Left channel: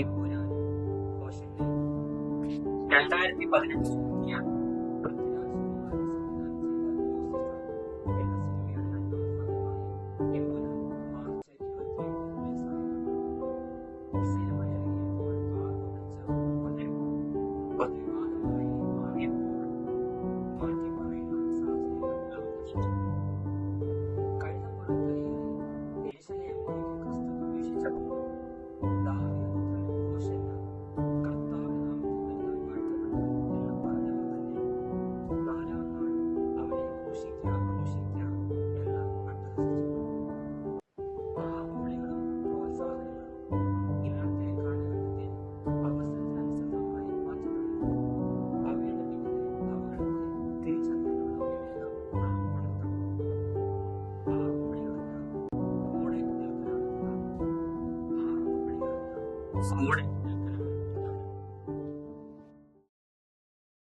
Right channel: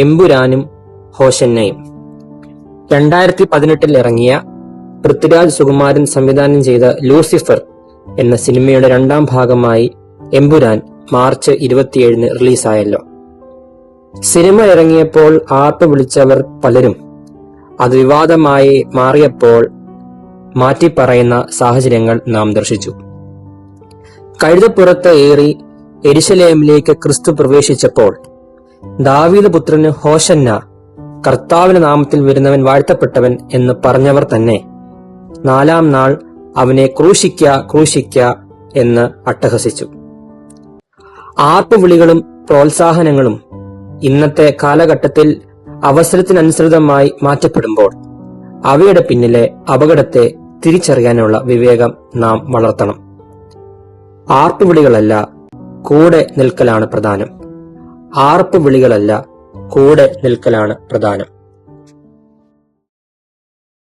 എമ്പുരാനും ഹോശന്നയും. 2018 ഇറങ്ങിയ പൃഥ്വിരാജ് സുകുമാരൻ സംവിധാനം ചെയ്ത ലൂസിഫർ എന്ന സിനിമയുടെ 2ാം ഭാഗമായി എമ്പുരാൻ മാർച്ച് 27 റിലീസായല്ലോ. സിനിമ ഇറങ്ങിയപ്പോൾ ആർപ്പ് വിളിച്ചവർ പലരും അത് വിവാദമായി മാറിയപ്പോൾ മാറ്റിപ്പറയുന്ന സാഹചര്യങ്ങൾ നാം ദർശിച്ചു. കഴുതപ്പുറത്ത് ഏറി യെരുശലേമിലേക്ക് ക്രിസ്തു പ്രവേശിച്ചപ്പോൾ ദാവീദ് പുത്രന് ഹോശന്ന, കർത്താവിന്റെ നാമത്തിൽ വരുന്നവൻ വാഴ്ത്തപ്പെട്ടവൻ എന്ന് പറഞ്ഞവർ തന്നെ 4ാം നാൾ അവനെ ക്രൂശിക്ക ക്രൂശിക്ക എന്ന് അട്ടഹസിച്ചു. ആർപ്പുവിളികളും പ്രോത്സാഹനങ്ങളും ഇന്നത്തെ കാലഘട്ടത്തിൽ അവസരത്തിനനുസൃതമായി മാറ്റപ്പെടുമ്പോൾ അവയുടെ പിന്നിലെ അപകടത്തെ തിരിച്ചറിയാനുള്ള വിവേകം നാം വളർത്തണം. ആർപ്പുവിളികളല്ല, കൂടെ നിൽക്കലാണ് പ്രധാനം. ആർപ്പുവിളികളല്ല, കൂടെ നിൽക്കലാണ് പ്രധാനം.